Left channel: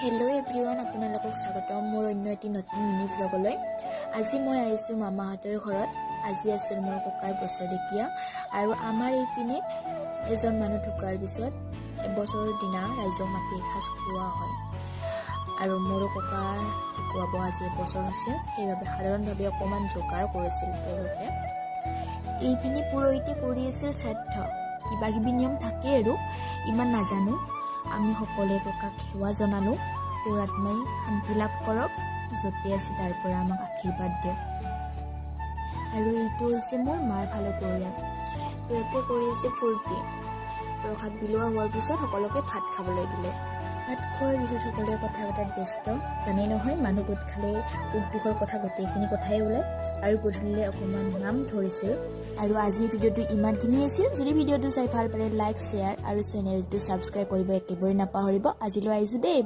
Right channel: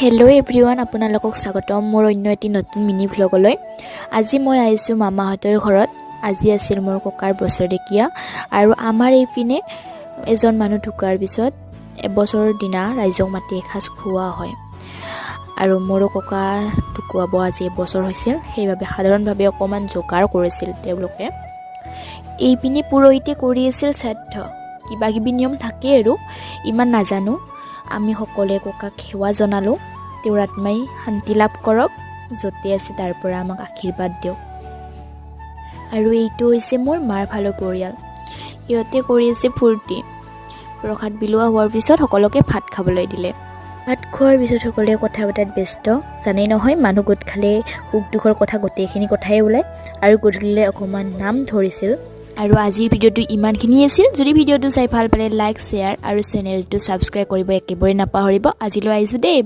Hello' everyone, আপোনালোকক স্বাগতম মোৰ অন্য এটি নতুন মিনি ভ্লগলৈ। আজি মই আহিছোঁ মামাহঁতৰ ঘৰত। আজি আছিল মোৰ ককাৰ বছৰেকীয়া আৰু আমাৰ এইপিনে এজন মানুহ ঢুকোৱাৰ পিছত এবছৰৰ দিনা ৰাইজক মাতি এসাঁজ খোৱা হয়। আৰু মোৰো ককা ঢুকুৱাব আজি এবছৰ হৈছিল, সেইবাবে সাধাৰণভাৱে অকণমান যোগাৰ কৰিছিল তেওঁলোকে। এইপিনে পুৰোহিতে কৰি আছিল শ্ৰাদ্ধ, কিবা কিবি নিয়ম থাকে আৰু ইমান নাজানো। আমি সকলোৱে ককাক সেৱা জনালোঁ, তেওঁৰ আত্মাই শান্তি লাভ কৰক, য'তে আছে তাৰ পৰা আমাক আশীৰ্বাদ দিয়ক। আৰু এইটো হৈছে মোৰ মাৰ ভালৰ পৰিয়াল, সিহঁতে কৰি আছে ফূৰ্তি। প্ৰসাদ বিলোৱা হোৱাৰ পিছত সকলোকে ভাত খাবলৈ দিলে। ভাত খোৱাৰ পিছত সকলোৱে কথা পতাত ব্যস্ত। জানেই নহয়, মানুহ গোট খালে সুখ দুখৰ কথা গোটেইখিনি কথাই ওলায়। আৰু গধূলিলৈ অকণমান নাম ধৰিছিল। আৰু আজিৰ ভিডিঅ'টো ইমানখিনি আছিল। যদি ভিডিঅ'টো চাই ভাল পালে লাইক, শ্বেয়াৰ আৰু চেনেলটো ছাবস্ক্ৰাইব কৰিব একেবাৰে নাপাহৰিব। আজিলৈ আহিছোঁ দেই।